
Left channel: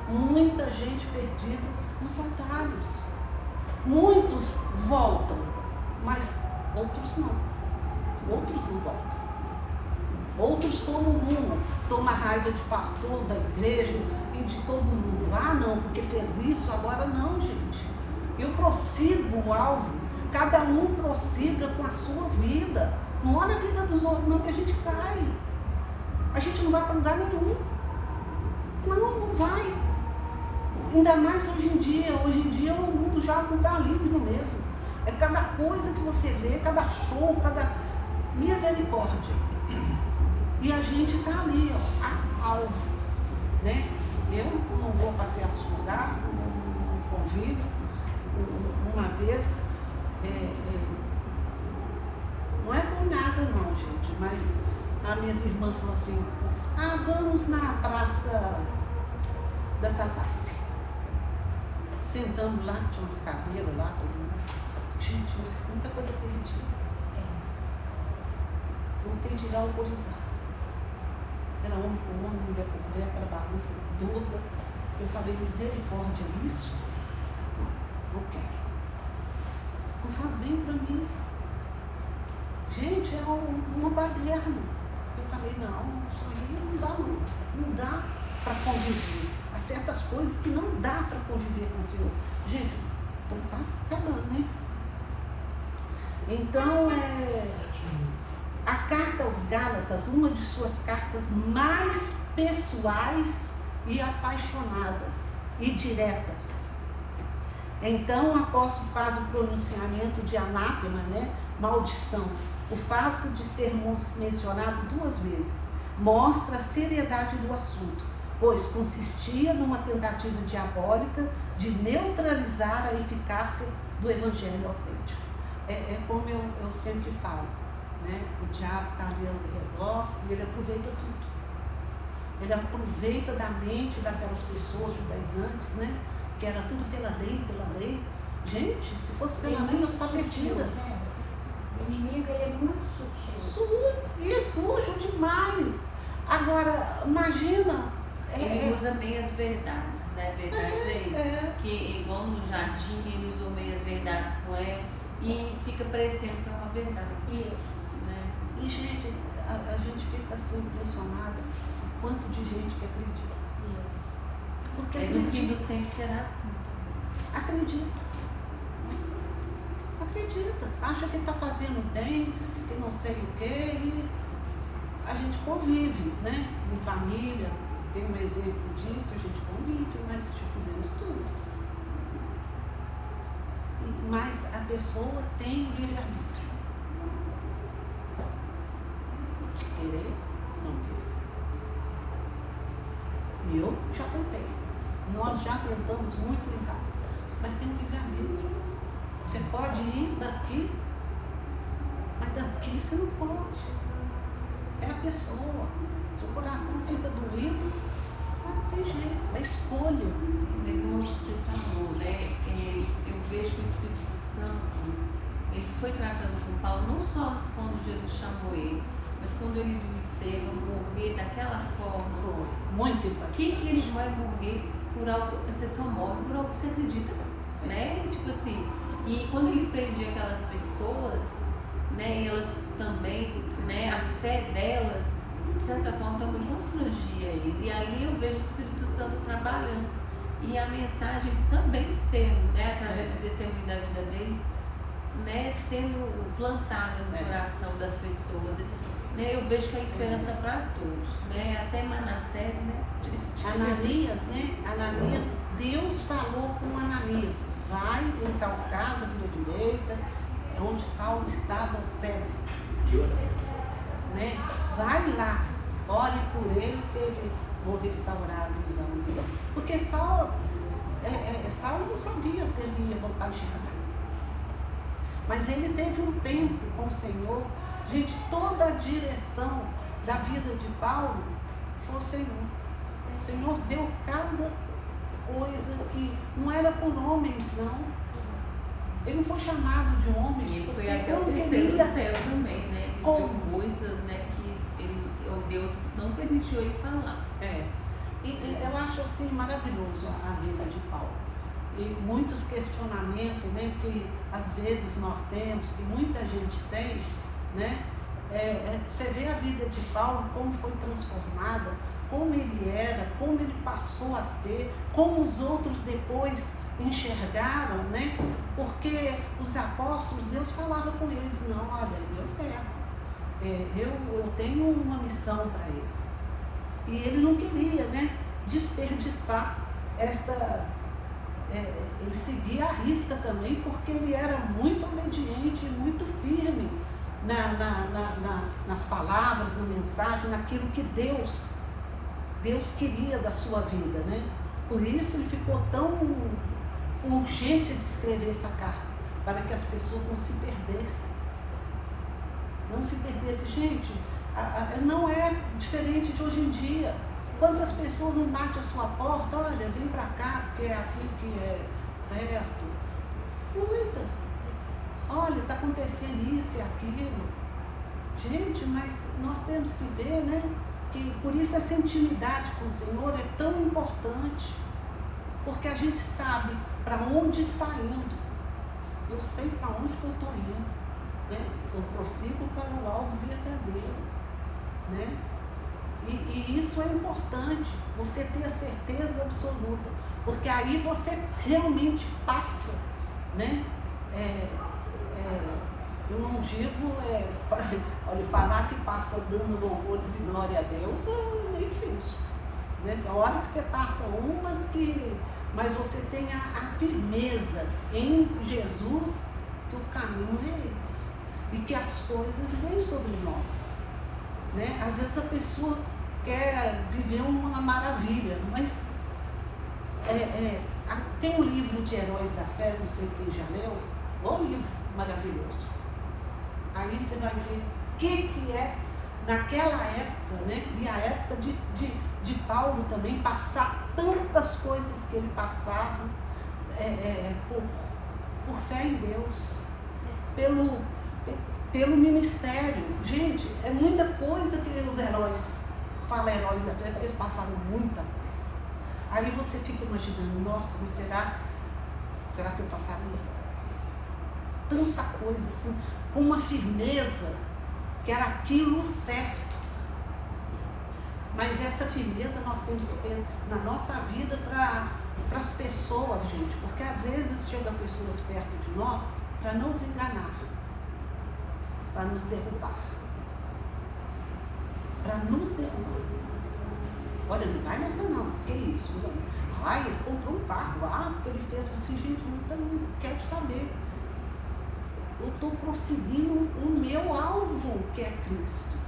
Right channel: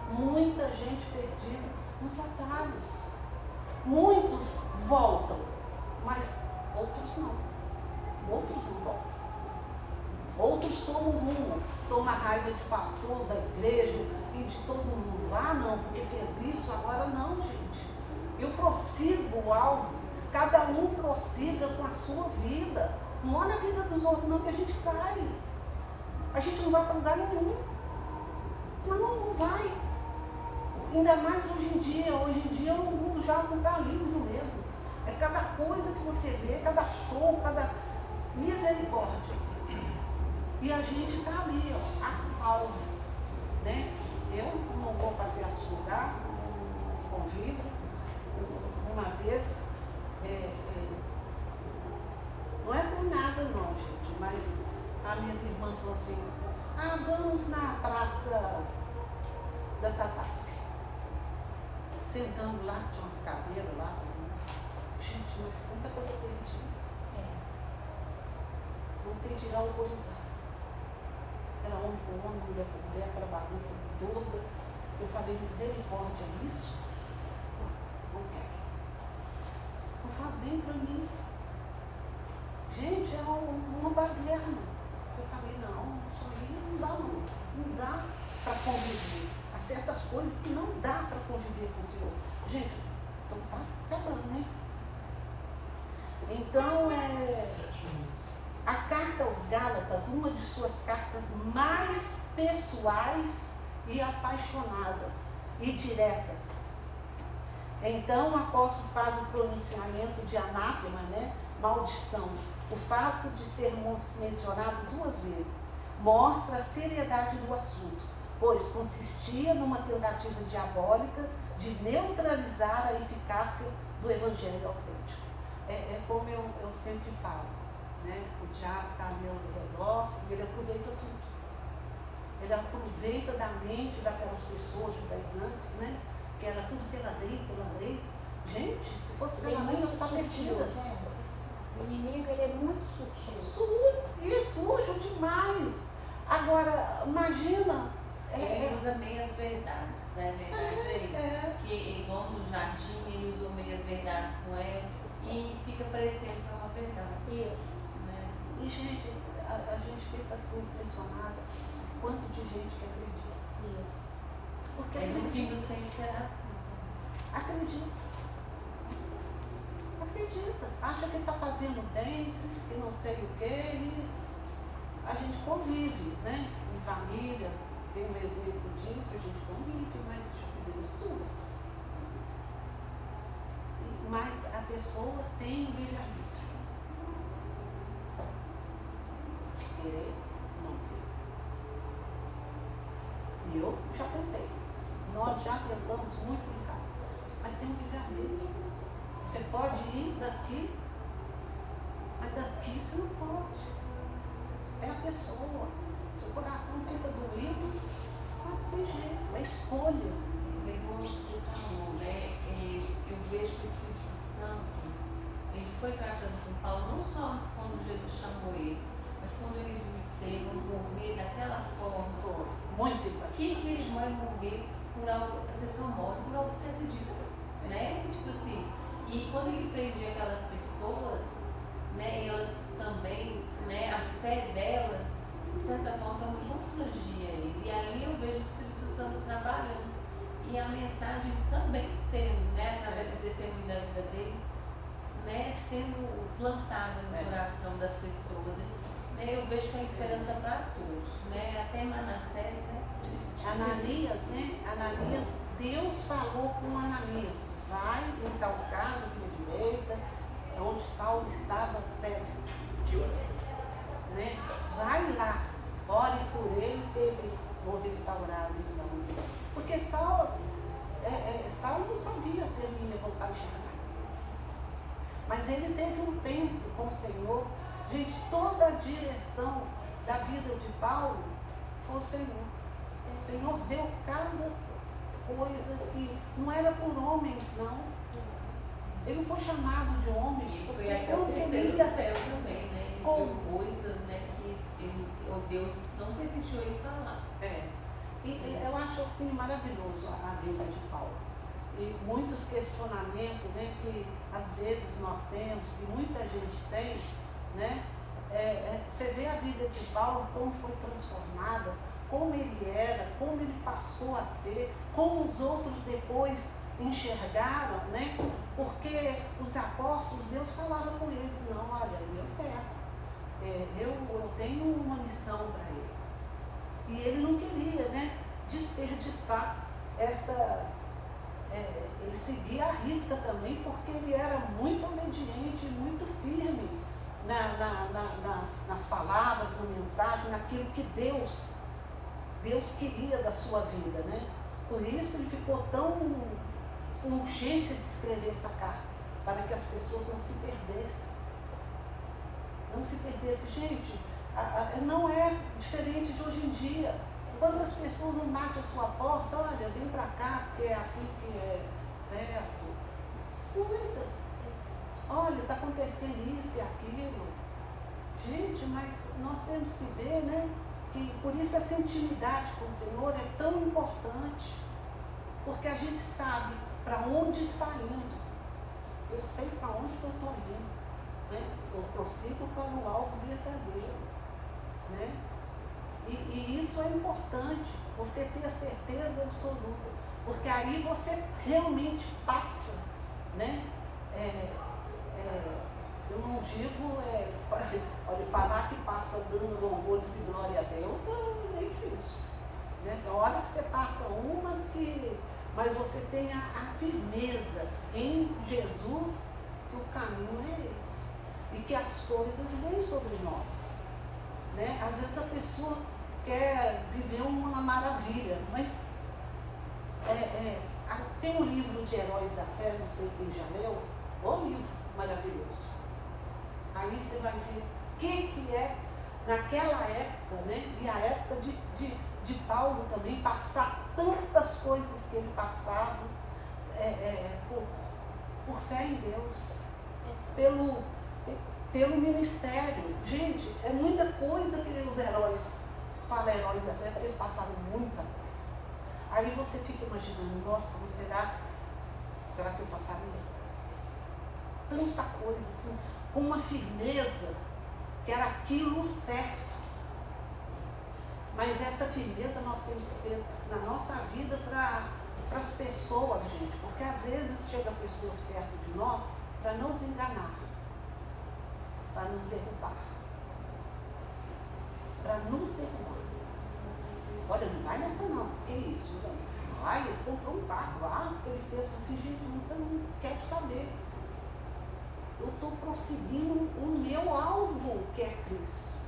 muita gente perdida nos atalhos. Muitos voltam, mas outros não. Outros não voltam. Outros tomam raiva de pastor, da igreja e de todo mundo. Ah, não, porque fez isso, agora não, gente. Eu prossigo o alvo, cada um prossiga com a sua vida. Não olha a vida dos outros, não, que a gente cai. A gente não vai para lugar nenhum. Não vai. Ainda mais hoje em dia o mundo já não está livre mesmo. É cada coisa que você vê, cada show, cada misericórdia. E a gente está ali, ó, a salvo. Né? Eu não vou para certos lugares, não convivo. Uma vez, não é por nada não, gente, mas as minhas irmãs falaram assim, vamos na praça da Savassi. Sentamos lá, tinha umas cadeiras lá, todo mundo. Gente, mas tanta coisa perdida. Não tem de dar autorizado. Era homem com homem, mulher com mulher, para bagunça toda. Eu falei, misericórdia, isso? Não quero. Não faz bem para mim. Gente, é uma baderna. Eu falei, não, isso aí não dá não. Não dá para conviver. Há certas coisas que não dá para conviver com o Senhor. Gente, então está acabando, né? Então, a carta aos Gálatas, uma de suas cartas mais pessoais e apaixonadas e diretas. Então, o apóstolo faz o pronunciamento de anátema, né? Maldição. O fato de ser mencionado 2 vezes mostra a seriedade do assunto, pois consistia numa tentativa diabólica de neutralizar a eficácia do evangelho autêntico. É como eu sempre falo, né? O diabo está ali ao redor e ele aproveita tudo. Ele aproveita da mente daquelas pessoas judaizantes, né? Que era tudo pela lei, pela lei. Gente, se fosse pela lei, eu estava perdida. O inimigo é muito sutil. E sujo demais. Agora, imagina. Ele usa bem as verdades, né? A verdade é isso. Que igual no jardim, ele usou bem as verdades com ela e fica parecendo que é uma verdade. Né? E, gente, a gente fica assim impressionada o quanto de gente que acredita. Porque Eles têm que ser assim. acredita. Acha que está fazendo bem, que não sei o quê. E a gente convive, né? Em família. Tem um exemplo disso, a gente convive, mas já fizemos tudo. Mas a pessoa tem o livre-arbítrio. Querer, não querer. Eu já tentei. Nós já tentamos muito em casa, mas tem o livre-arbítrio. Você pode ir daqui, mas daqui você não pode. É a pessoa. Seu coração fica doído, mas não tem jeito, é escolha. Como você falou, né? Eu vejo que o Espírito Santo, ele foi tratando com Paulo, não só quando Jesus chamou ele, mas quando ele viu Estevão morrer daquela forma. Foi muito importante. Que ele vai morrer por algo, você só morre por algo que você acredita, né? Tipo assim, e quando ele prendia aquelas pessoas, né, elas também, né, a fé delas, de certa forma, também constrangia ele. E ali eu vejo o Espírito Santo trabalhando. E a mensagem também sendo, né, através do testemunho da vida deles, né, sendo plantada no coração das pessoas. Né, eu vejo que é esperança para todos. Né, até Manassés, né? Ananias, né? Ananias, Deus falou com Ananias, vai em tal casa, à direita, onde Saulo estava cego. Né? Vai lá, ore por ele, que vou restaurar a visão dele. Porque Saulo não sabia se ele ia voltar a enxergar. Mas ele teve um tempo com o Senhor. Gente, toda a direção da vida de Paulo foi o Senhor. O Senhor deu cada coisa que não era por homens, não. Ele não foi chamado de homens, porque Foi não até queria. o céu também, né? Como? Coisas, né, que o Deus não permitiu ele falar. E eu acho assim maravilhoso a vida de Paulo. E muitos questionamentos, né, que às vezes nós temos, que muita gente tem, né? Você vê a vida de Paulo, como foi transformada, como ele era, como ele passou a ser, como os outros depois enxergaram, né? Porque os apóstolos, Deus falava com eles, não, olha, meu servo, eu tenho uma missão para ele. E ele não queria, né, desperdiçar essa... ele seguia a risca também, porque ele era muito obediente, muito firme nas palavras, na mensagem, naquilo que Deus queria da sua vida, né? Por isso ele ficou tão com urgência de escrever essa carta, para que as pessoas não se perdessem. Não se perdessem. Gente, não é diferente de hoje em dia. Quantas pessoas não batem a sua porta, olha, vem para cá, porque é aqui que é certo. Muitas. Olha, está acontecendo isso e aquilo. Gente, mas nós temos que ver, né? Que por isso essa intimidade com o Senhor é tão importante. Porque a gente sabe para onde está indo. Eu sei para onde que eu estou indo. Né? Eu prossigo para o alvo verdadeiro. Né? E isso é importante, você ter a certeza absoluta. Porque aí você realmente passa, né? Eu não digo, olha, falar que passa dando louvores e glória a Deus é meio difícil. Né? Então, olha que você passa mas você tem a firmeza em Jesus que o caminho é esse. E que as coisas vêm sobre nós. Né? Às vezes a pessoa quer viver uma maravilha, mas tem um livro de Heróis da Fé, não sei quem já leu, um livro maravilhoso. Aí você vai ver que é, naquela época, né? E a época de Paulo também, passar tantas coisas que ele passava por fé em Deus, pelo ministério. Gente, é muita coisa que os heróis, fala heróis da fé, eles passaram muita coisa. Aí você fica imaginando, nossa, mas será que eu passaria? Tanta coisa assim, com uma firmeza, que era aquilo certo. Mas essa firmeza nós temos que ter na nossa vida para as pessoas, gente, porque às vezes chegam pessoas perto de nós para nos enganar, para nos derrubar. Para nos derrubar. Olha, não vai nessa não, que isso? Ai, ele comprou um carro, porque ele fez assim, gente, eu não quero saber. Eu estou prosseguindo o meu alvo, que é Cristo.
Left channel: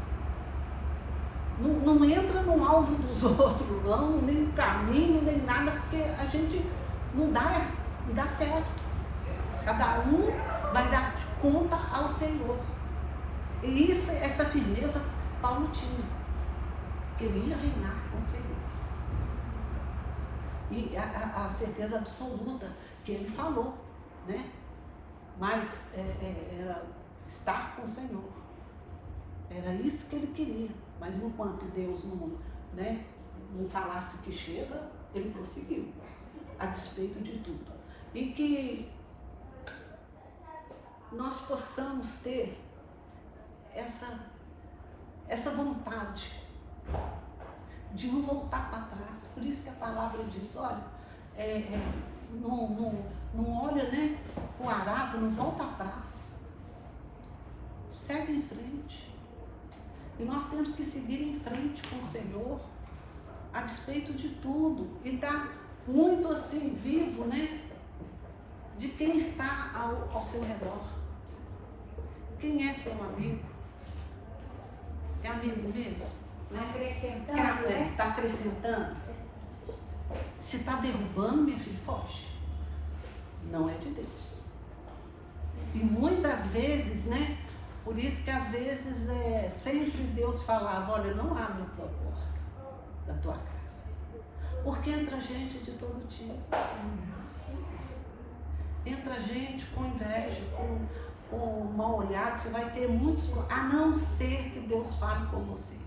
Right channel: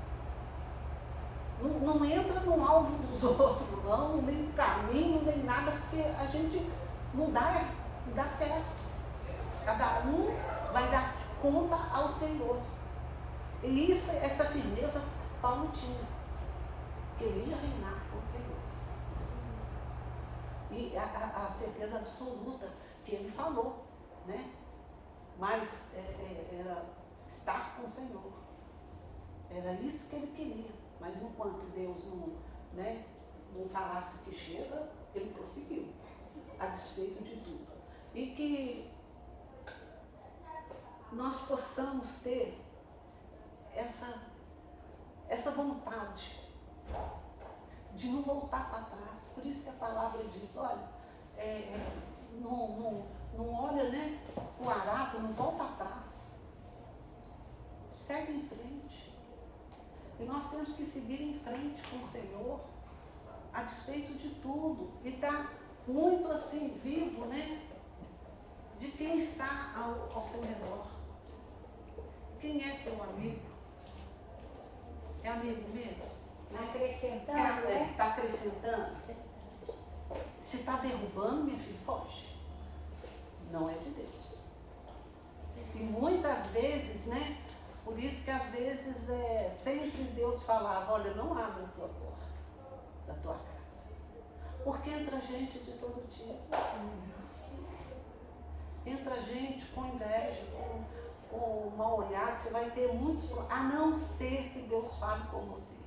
Não entra no alvo dos outros, não, nem no caminho, nem nada, porque a gente não dá certo. Cada um vai dar conta ao Senhor. E essa firmeza Paulo tinha. Ele ia reinar com o Senhor. E a certeza absoluta que ele falou, né? Mas era estar com o Senhor. Era isso que ele queria. Mas enquanto Deus não falasse que chega, ele prosseguiu, a despeito de tudo. E que nós possamos ter essa vontade de não voltar para trás. Por isso que a palavra diz, olha, não olha, né, o arado, não volta atrás. Segue em frente. E nós temos que seguir em frente com o Senhor, a despeito de tudo. E está muito assim, vivo, né? De quem está ao seu redor. Quem é seu amigo? É amigo mesmo? Está acrescentando? Se está derrubando, minha filha, foge. Não é de Deus. E muitas vezes, né? Por isso que às vezes sempre Deus falava, olha, não abre a tua porta da tua casa. Porque entra gente de todo tipo. Entra gente com inveja, com mal olhado, você vai ter muitos, a não ser que Deus fale com você.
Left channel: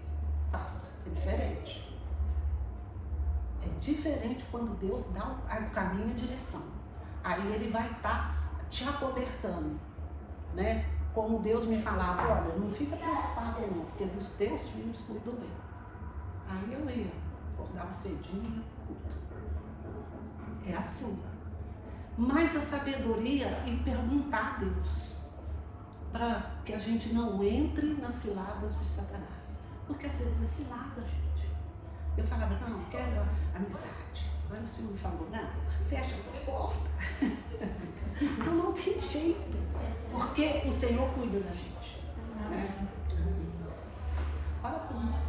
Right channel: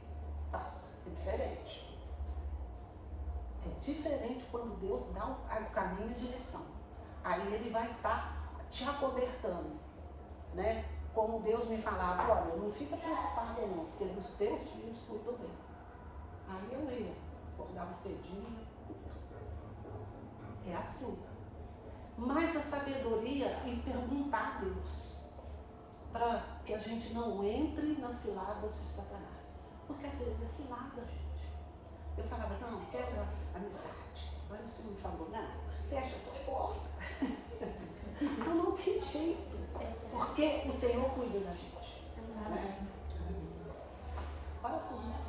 Faça, é diferente. É diferente quando Deus dá o caminho e a direção. Aí ele vai estar te acobertando, né? Como Deus me falava, olha, não fica preocupado não, porque dos teus filhos cuido bem. Aí eu ia, acordava cedinho, é assim. Mas a sabedoria e perguntar a Deus, para que a gente não entre nas ciladas de Satanás. Porque às vezes é cilada, gente. Eu falava, não quero amizade. Aí o Senhor me falou, não, fecha a tua porta. Então não tem jeito. Porque o Senhor cuida da gente. Né? Ora por nós.